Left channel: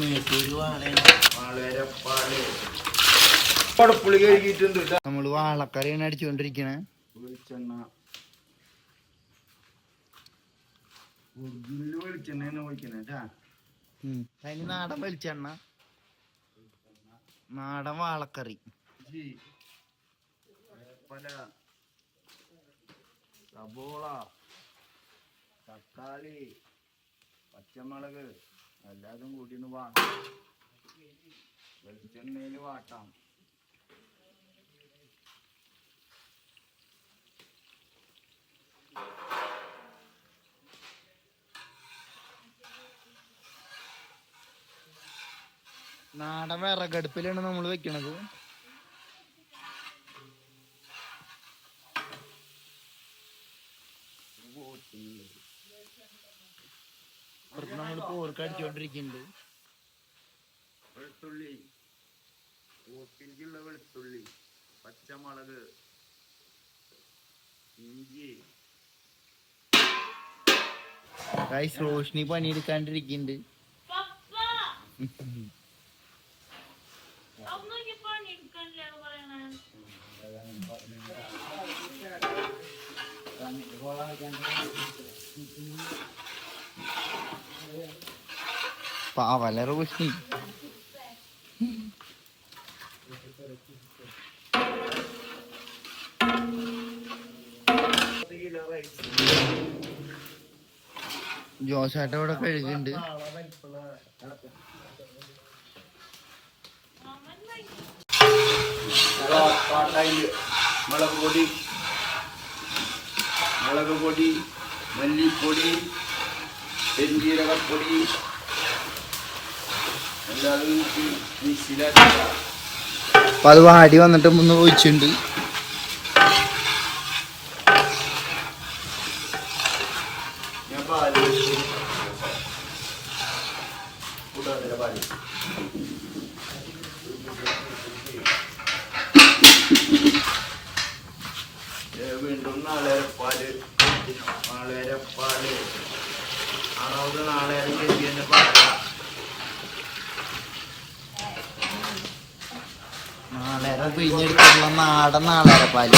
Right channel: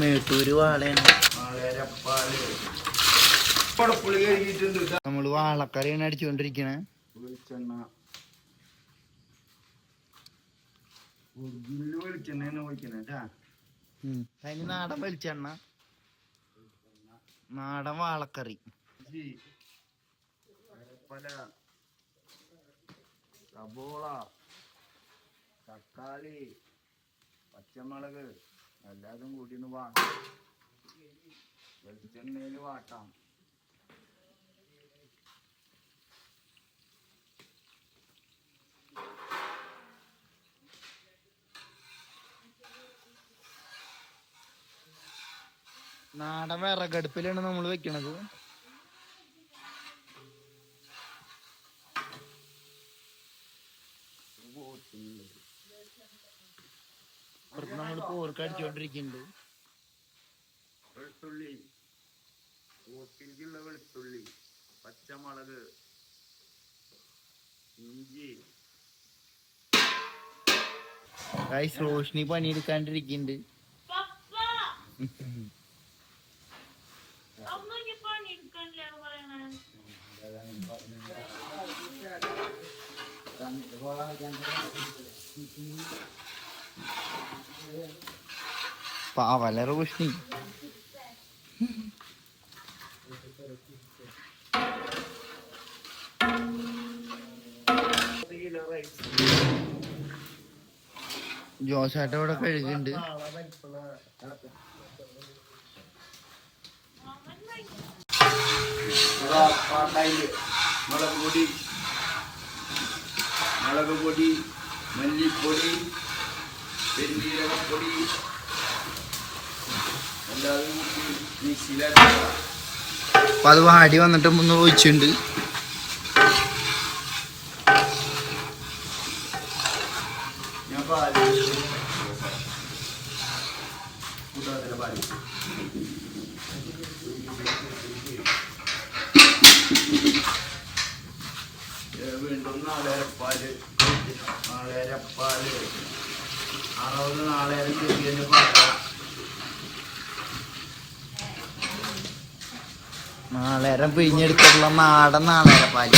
മേട്ടൂര് നമ്മള് വാളക്കറിയാണ് അടിച്ചുകൊണ്ടിരിക്കണേ. വെളിച്ചെണ്ണ അതിന് നാടൻ വെളിച്ചെണ്ണ, നാടൻ വാളക്കറി, സബോള, തക്കാളി, പച്ചമുളക് എല്ലാതും കൂട്ടിന്ന് വാട്ടാം. വെളിച്ചെണ്ണയിൽ വാട്ടാം. നാടൻ വിറകടുപ്പിലാണ് നമ്മൾ വെക്കണത്. നമ്മൾ പോർക്ക് അടിച്ചോണ്ടിരിക്കുന്നുണ്ട്. വെളുത്തുള്ളി, പോർക്കിലേക്കുള്ള വെളുത്തുള്ളി, പച്ചമുളക്, ഇഞ്ചി. റോഷിനി പണിയെടുക്കാണ്ടിരിക്കുന്നുണ്ട്. പാവല റോഷിനി. ജോസാട്ട ഇവിടെ കഴുകുന്നുണ്ട്. മുളക് പൊടി, മല്ലിപ്പൊടി, പെരിഞ്ജീരകപ്പൊടി എല്ലാവരും മിക്സിയിലാക്കുക. അപ്പൊ അത് വാടി വന്നിട്ട് ഒന്ന് ഒഴിച്ചിട്ടുണ്ട്. ഞാൻ പാല് പാല് വീണ്ടും നാളേരപ്പാല് 60 നാളേരം കെട്ടിയതിന് നാളേരം പിഴിഞ്ഞെടുത്തിട്ടുള്ള നാടൻ നാളേരപ്പാല്.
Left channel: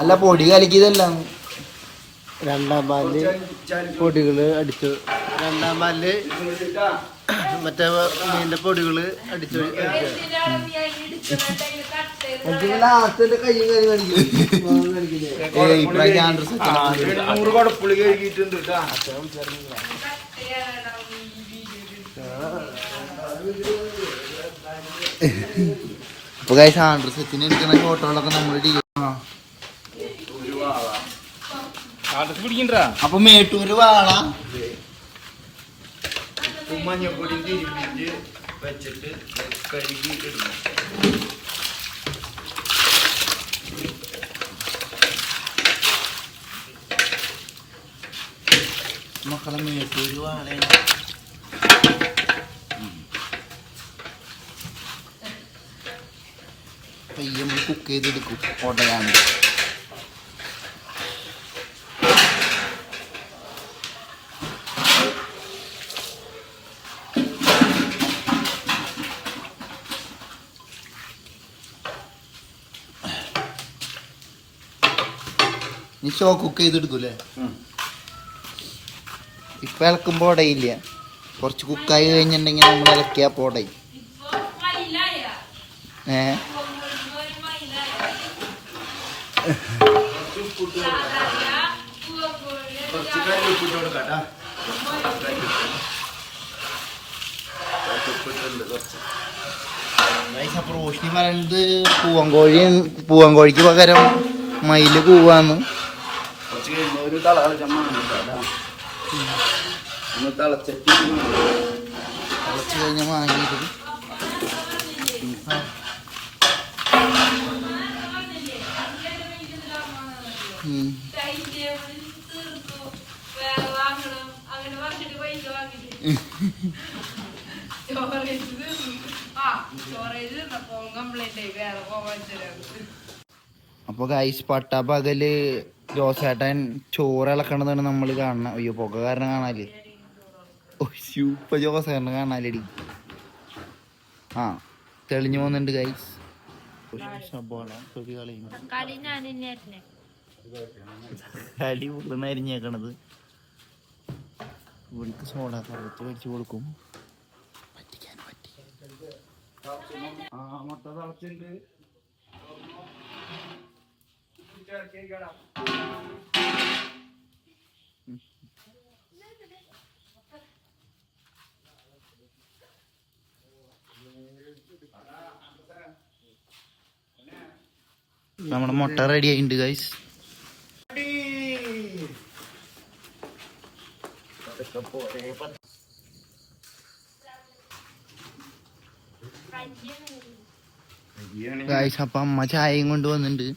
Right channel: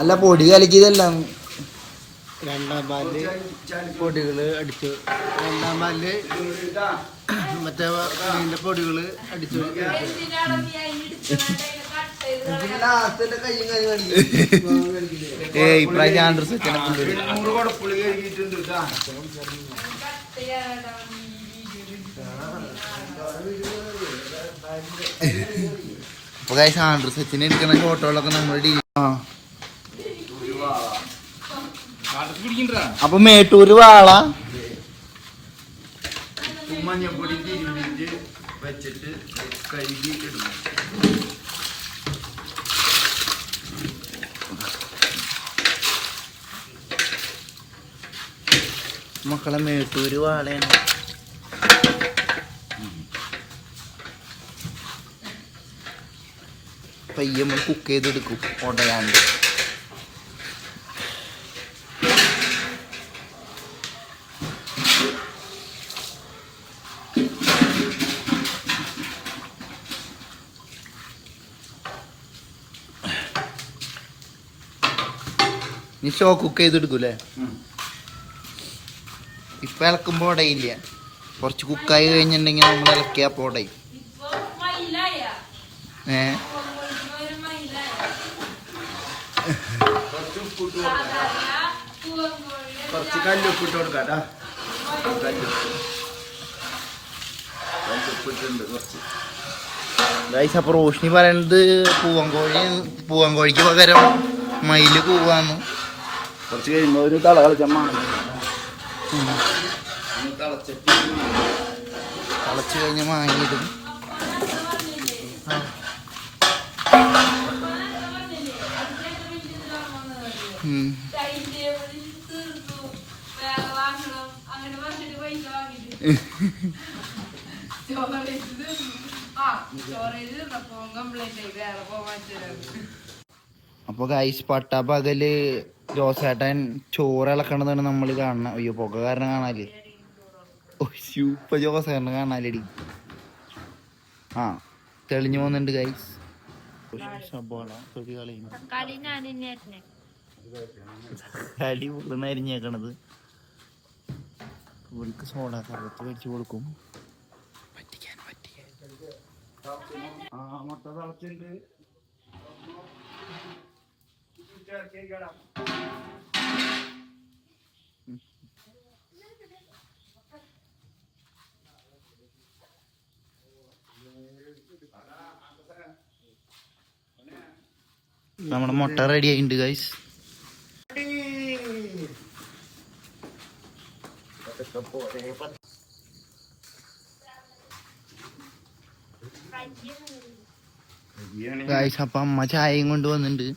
അല്ല പൊടി കലക്കിയതല്ല. രണ്ടാം പാലില് പൊടികള് അടിച്ചു. രണ്ടാം പാലില് മറ്റേ മീനിന്റെ പൊടികള് അടിച്ചു. കുടപ്പുളി കഴുകിയിട്ടുണ്ട്. ഇപ്പൊ ആൻഡ്രൂ സെറ്റിന് എടുക്കുന്ന ഫോട്ടോകളൊക്കെ നമ്മുടെ അപ്പൊ മേട്ടൂര് വാള മഞ്ഞപ്പൊടി തിരുമ്പിട്ട് വെച്ചിട്ട് കഴുകി ഇടുന്നു. മക്കളെ മേട്ടൂര് വാളയാണ്. പയ്യെ നമ്മൾ കുക്ക് ചെയ്തെടുക്കും ഉടയാണ്ട്. നീ ഷോ കുക്ക് ചെയ്തെടുക്കൂലേ? ഇപ്പൊ ഇളക്കുമ്പോ ഉടയില്ല. കുറച്ച് കുക്കായി കഴിഞ്ഞിട്ടുണ്ടെങ്കിൽ നമ്മൾ ഇളക്കിയപ്പോ ഉടയും. കുറച്ച് കല്ലുപ്പിട്ട് കൊടുക്കാട്ടാ. കല്ലുപ്പിട്ടുണ്ട് കുറച്ച്. അപ്പൊ റോഷിനി പറയുന്നത് പൂവൻകോഴിക്ക് പകരം മയില് കൂവാന്ന്. കുറച്ച് കഴിയുമ്പോ ഒരു തള തിളച്ച് കഴിഞ്ഞ വാങ്ങിയിടും. അപ്പൊ ഗൈസ് പട്ടാപ്പകല് ജോസേട്ടൻ ചോറ് ഇളക്കണതാണ് നമ്മൾ കാണണം. അയ്യോ പുക കാരണം കാണാല്. ഇപ്പൊ ജോസേട്ടനെ കാണാലടി. ആ തെളിഞ്ഞു പോകുന്നുണ്ട് ഗൈസ്. കളി അരിഞ്ഞേക്കണത് ഇവൾക്ക് സോഡ സർവത്ത് മേടിച്ചു കൊടുക്കും. മുട്ട തിളച്ചിട്ടുണ്ട്. നമ്മുടെ മുട്ട റെഡി ആയിട്ടുണ്ട് ഗൈസ്. ഗൈസ് അപ്പൊ അമ്മ ചായയും കൊണ്ട് വന്നിട്ടുണ്ട്.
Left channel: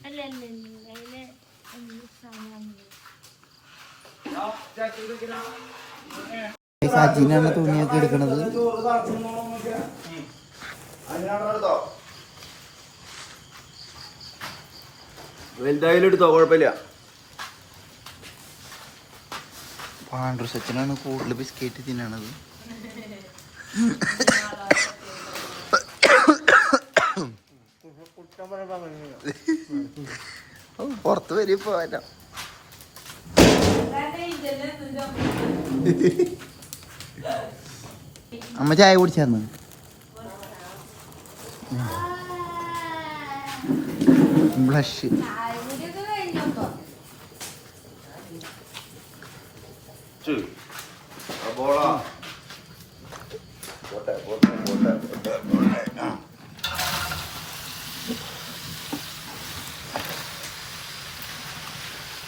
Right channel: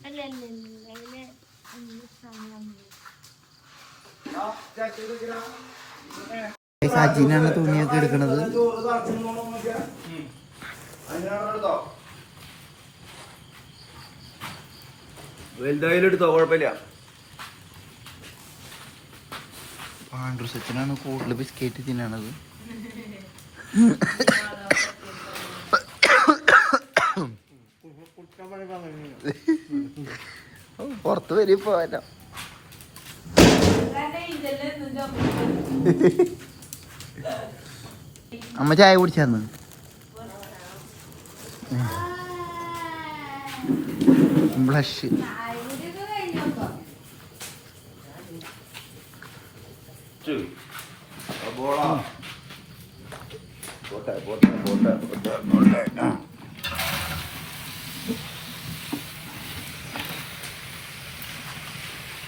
സജിനാണ് തുണിയൊക്കെ എടുക്കണത്. വലുതായാലും എടുത്തോ, കുഴപ്പമില്ല. പാണ്ഡു സച്ചിനാണ് കൂടുതൽ ബിസ്ക്കറ്റ് തിന്നണത്. പുറത്ത് വരെ പോവാനോ. അമ്മ ചായ കുടിച്ചാന്ന്. ബ്ലഷ്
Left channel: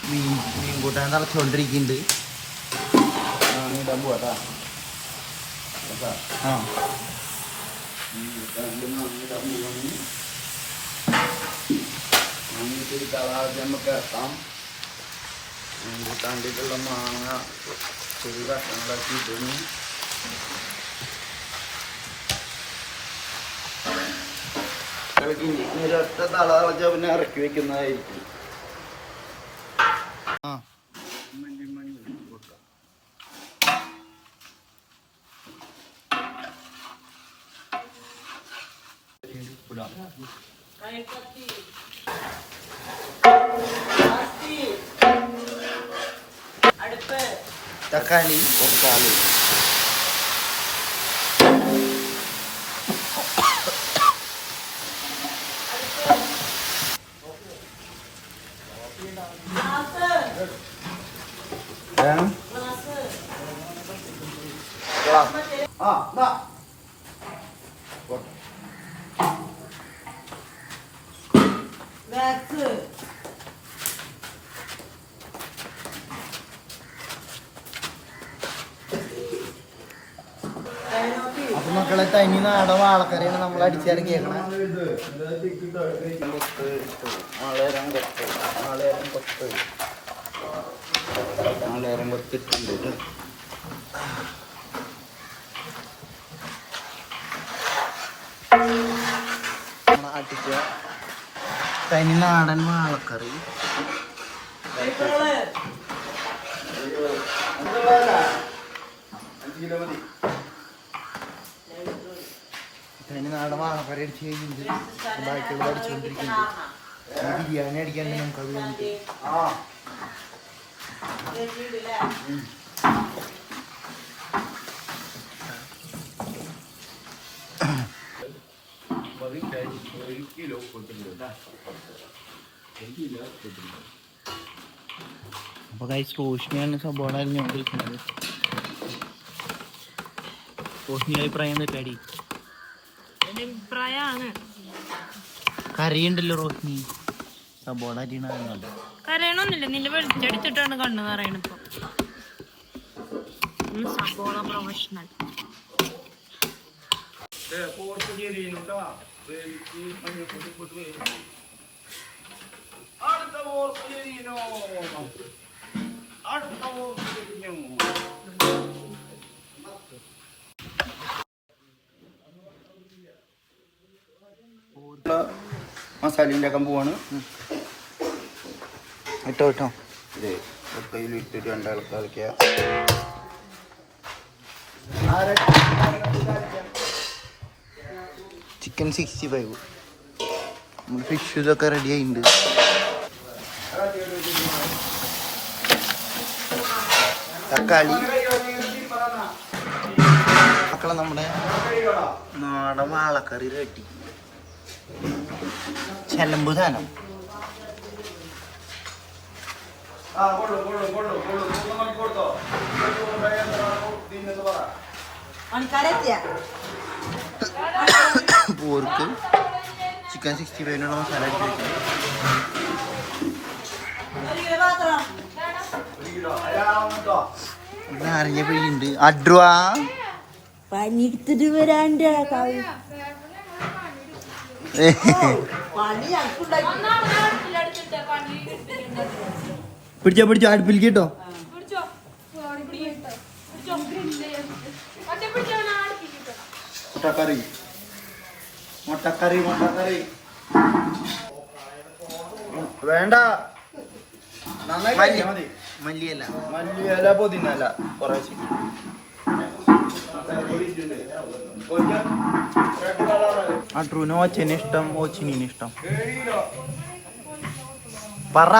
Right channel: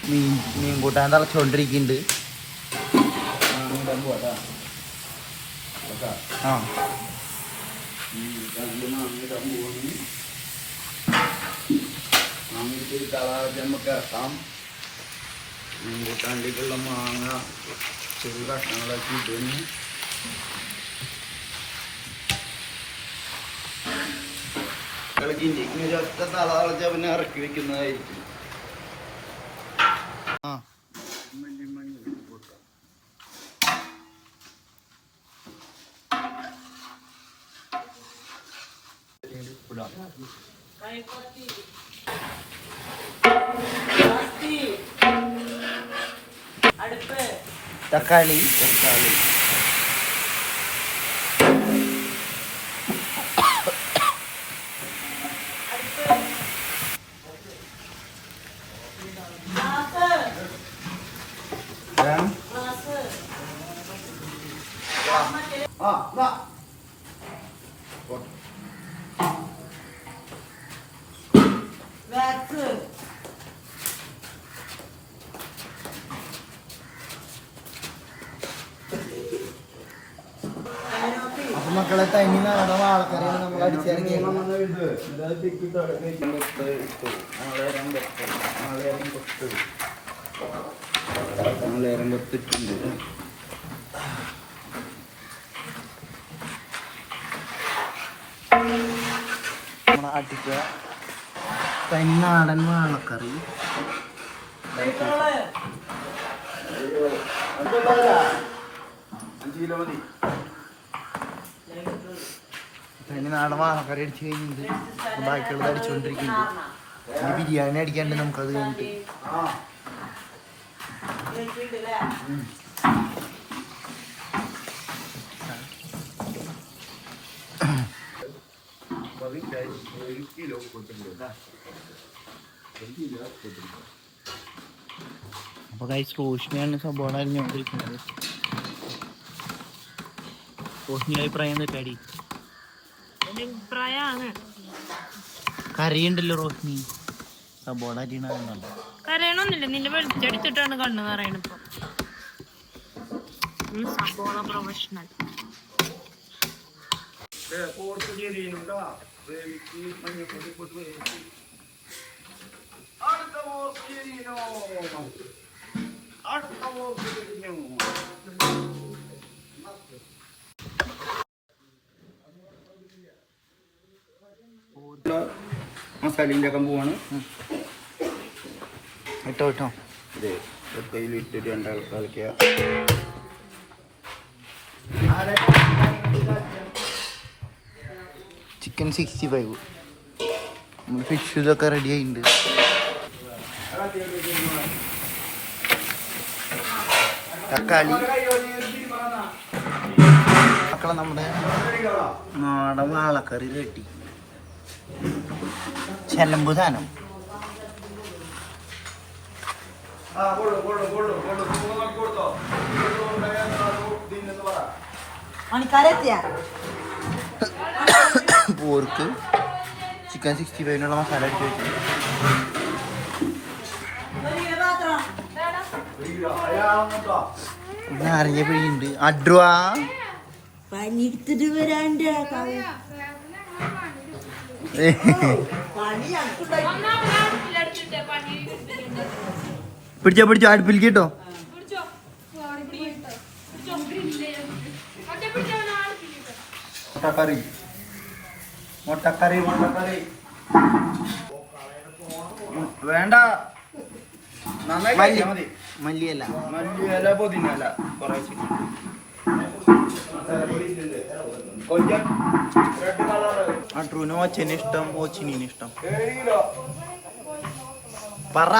മീൻ കൂട്ടാൻ തിളച്ചോണ്ടിരിക്കുന്നുണ്ട്. ആ നമുക്ക് ഇറക്കാം. മീൻ കൂട്ടാണ്ടിട്ടുള്ള മാങ്ങ ചെറിയ കഷ്ണങ്ങളാക്കി ഇടുന്നു. ഒരൊറ്റ തള തിളച്ച പിന്നെ ഇറക്കി വെക്കുന്നതായിരിക്കും. തക്കാളി അപ്പൊ മക്കളെ തനി നാടൻ വാളക്കറിയാണ് നമ്മൾ അടിച്ചിറങ്ങിയത്. അടിച്ച തനി നാടൻ വാളക്കറി. തനി നാടൻ വാളക്കറി അടിച്ചു കഴിഞ്ഞിട്ടുണ്ട്. ബാക്കിയുള്ളത് അടിച്ചുകൊണ്ടിരിക്കുന്നുണ്ട്. ഇനി ബിരിയാണി അടിക്കാണ്ട് നമുക്കത് കഴിഞ്ഞിട്ട്. അപ്പൊ ഗൈസ് റോഷ്നിയാണ് സബോള അരിഞ്ഞുകൊണ്ടിരിക്കുന്നത്. റോഷ്നി അഭിപ്രായം എന്തൊക്കെയാടി? കറിയുണ്ടല്ലോ റോഷ്നി, സബോള അരിയണല്ലോ. കരയണൊന്നുമില്ല, നിന്റെ വെളിച്ചടിച്ചിട്ടാണ് കണ്ണു നിറയണിപ്പോ. സബോള പ്രൊഫഷണൽ. മസാലയും ചാക്കാൻ പോവാണ്. ഇട്ടോ ഇട്ടോ. ഇട്ടിട്ട് രണ്ടാൾക്ക് കളിക്കുക. ചിക്കൻ 65. നമ്മൾ ഫിഷ് ഇതൊക്കെ റെഡി ആയിട്ടുണ്ട്. തക്കാളി മക്കളെ നമ്മുടെ നാടൻ വാളക്കറി റെഡി. ചെലമ്പ് സാധനം. പോർക്ക് ചിക്കൻ 65 മസാല അടിച്ച് വെച്ചു. നാരങ്ങ പിഴിയുണ്ട്. അഡ്രുവാ പണിയെടുത്തിട്ട് വരാണ്ട് പിടിച്ചോ പിടിച്ചോ അടുപ്പിലേക്ക് കേട്ടോ. മുട്ടക്കറി മുട്ടക്കറി മുട്ടക്കറി വേണ്ട, നന്നായി കഴിച്ചാ മതി. മല്ലിയല്ല മല്ലിയില പുതിനല കുറേശ്ശെ. അട്രൂന് ഓച്ചന് ഇഷ്ടം, ഓച്ചിനീന് ഇഷ്ടം. പറ.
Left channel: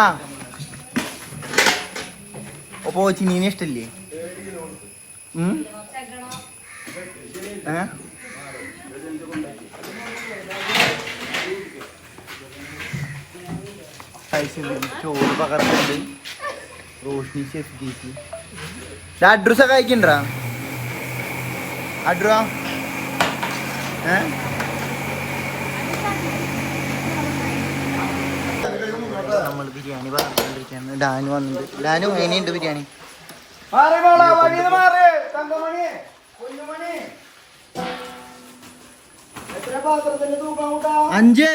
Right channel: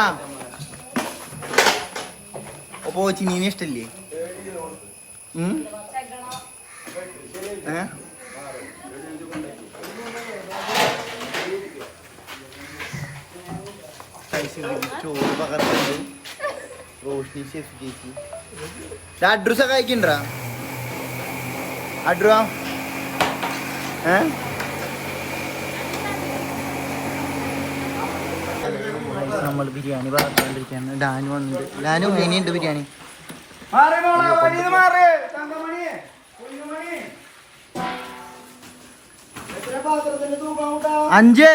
അപ്പൊ ഓച്ചിനീന് ഇഷ്ടല്ലേ? ചോറ് പകർന്നുണ്ട്. റോഷ്നി ഷെഫ് ചേച്ചി അഡ്രസ്സൊക്കെ അയക്കണ്ടാ? അഡ്ര നമ്മൾ ബിരിയാണി പറഞ്ഞുകൊണ്ടിരിക്കുകയാണ്. ഡാനു വന്നിട്ട്. ഡാനു എങ്ങനെയുണ്ട് ബിരിയാണി? 5.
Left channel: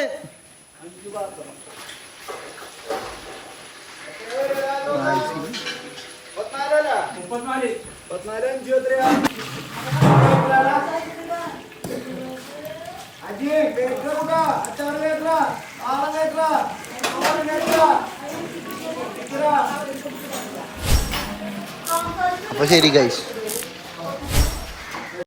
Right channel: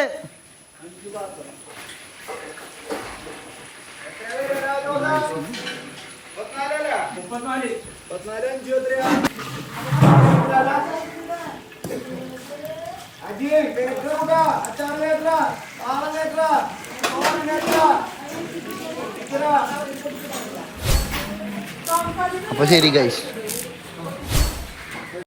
അപ്പൊ ശരി ഗൈസ്.